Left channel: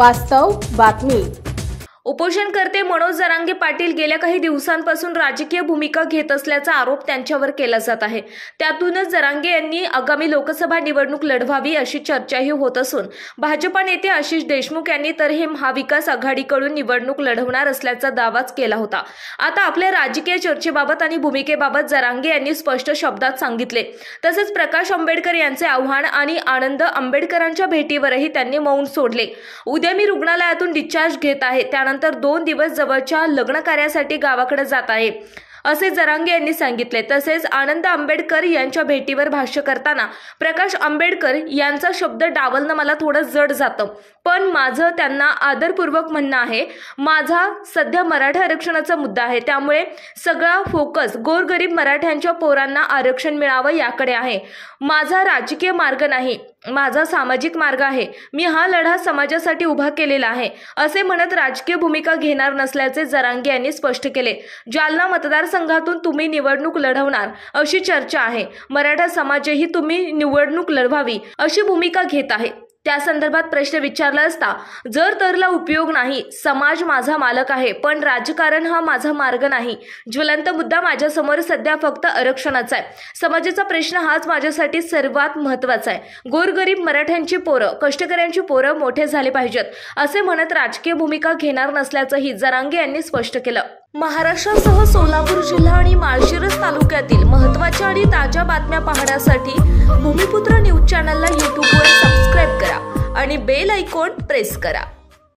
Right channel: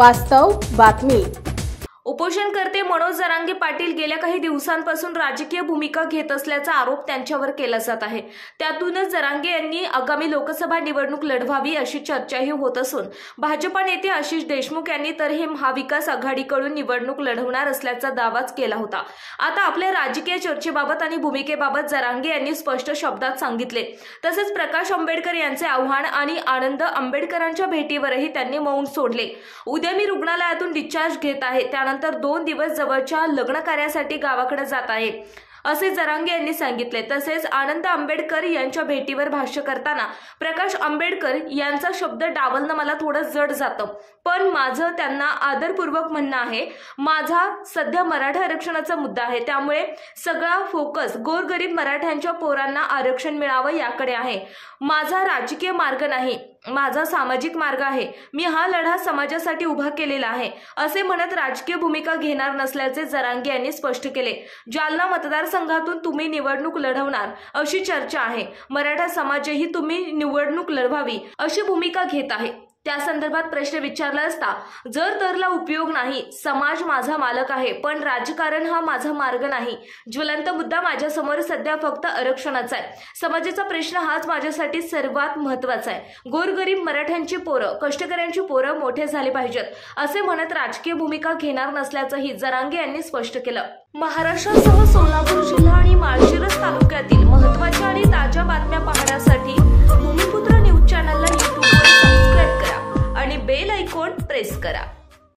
वास्तव बातमी। उपोषणकर्ते मनोज जरांगे पाटील गेल्या काही दिवसांपासून राजकीय भूमिका घेत असल्याचा आरोप त्यांच्यावर केला जात आहे। त्यातूनच जरांगे यांनी आगामी लोकसभा निवडणूक लढवावी अशी चर्चाही होत असून भाजपा नेते आशिष देशमुख यांनी तर हे महाविकास आघाडीकडून निवडणूक लढवणार असल्याचा दावाच केला होता। आता आपल्या राजकीय चर्चेबाबत आणि भूमिकेबाबत जरांगे यांनी स्पष्ट शब्दात सांगितले। तसेच प्रकाश आंबेडकर यांचे आव्हान आणि आनंद आंबेडकरांच्या भेटीवरही त्यांनी मौन सोडले। उद्या मी रुग्णालयातून डिस्चार्ज घेत आहे, त्यानंतर 2 दिवस जवळच्या लग्न कार्यासाठी गावाकडे जात आहे असे जरांगे यांनी सांगितले। तसेच आनंद आंबेडकर यांच्या भेटीवर भाष्य करताना प्रकाश आंबेडकर यांचा शब्द डावलणं मला थोडं जड जातं, पण माझं त्यांना आदरपूर्वक म्हणणं आहे, माझा सध्या मराठा आरक्षणाचा मुद्दा आहे, त्यामुळे सगळा फोकस गोरगरीब मराठ्यांच्या पोरांना आरक्षण मिळावं याकडे आहे। माझा राजकीय मार्ग नाही, माझा सामाजिक मार्ग आहे। मी हा लढा समाजासाठी उभा केलेला आहे असे म्हणत राजकीय भूमिका घेणार नसल्याचे जरांगे यांनी स्पष्ट केले। जालना मतदारसंघातून तुम्ही निवडणूक लढवणार अशी चर्चा आहे। मराठा समाजही तुम्ही निवडणूक लढवावी अशी भूमिका घेत आहे। त्या संदर्भात प्रश्न विचारला असता जर तरला उपयोग नाही, समाज माझा मालक आहे, पण राजकारण हा माझा मार्ग नाही। ज्वलंत मुद्दा माझ्यासमोर सध्या फक्त आरक्षणाचा आहे। समाजाचा प्रश्न हाच माझ्यासाठी सर्वात महत्त्वाचा आहे। गोरगरीब मराठ्यांची पोरं, कष्टकऱ्यांची पोरं मोठे झाले पाहिजेत असे म्हणत राजकीय भूमिका घेणार नसल्याचंही जरांगे यांनी स्पष्ट केलं। महाराष्ट्रासह सोलापूर जिल्हा आणि माळशिरस तालुक्यातील महत्त्वाच्या आणि ताज्या बातम्या पाहण्यासाठी भूमिपुत्र न्यूज चॅनलला यूट्यूबवर सबस्क्राइब करा आणि बेल आयकॉन प्रेस करा।